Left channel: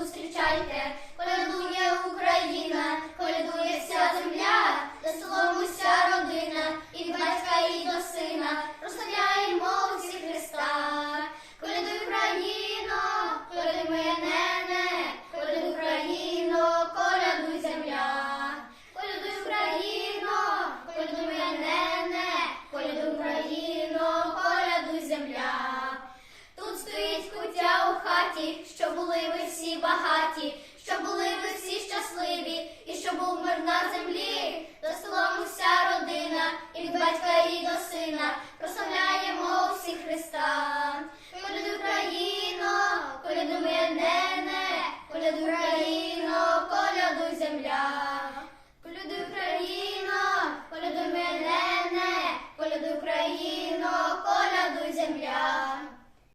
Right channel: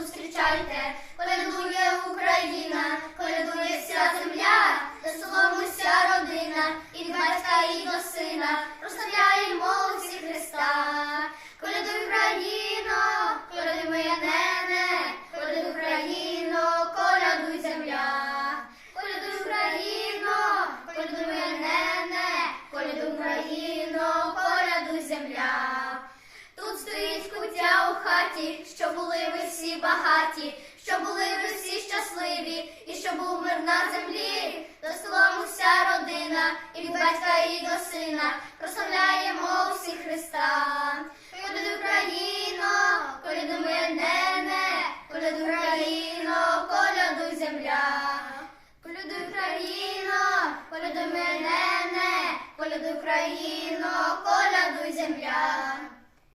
зустрічайте, колядує Україна, колядує вся земля, до солому вся родина, і від батька, і до сина, прославляємо всі Христа. Колядуй Україно, колядуй моя нене, колядуй Україно, колядуй земля. Колядуй Україно, колядуй моя нене, колядуй Україно, колядуй земля. Тут стоїть кутя у хаті, що були багаті, щоб були ви всі щасливі, і щоб був мир на землі, до слава вся родина, і від батька, і до сина. Прославляємо всі Христа. Поряд Україно, поряду мене, поряд Україно, коляду земля, Коляду Україно, коляду мене, коляду Україно, коляду.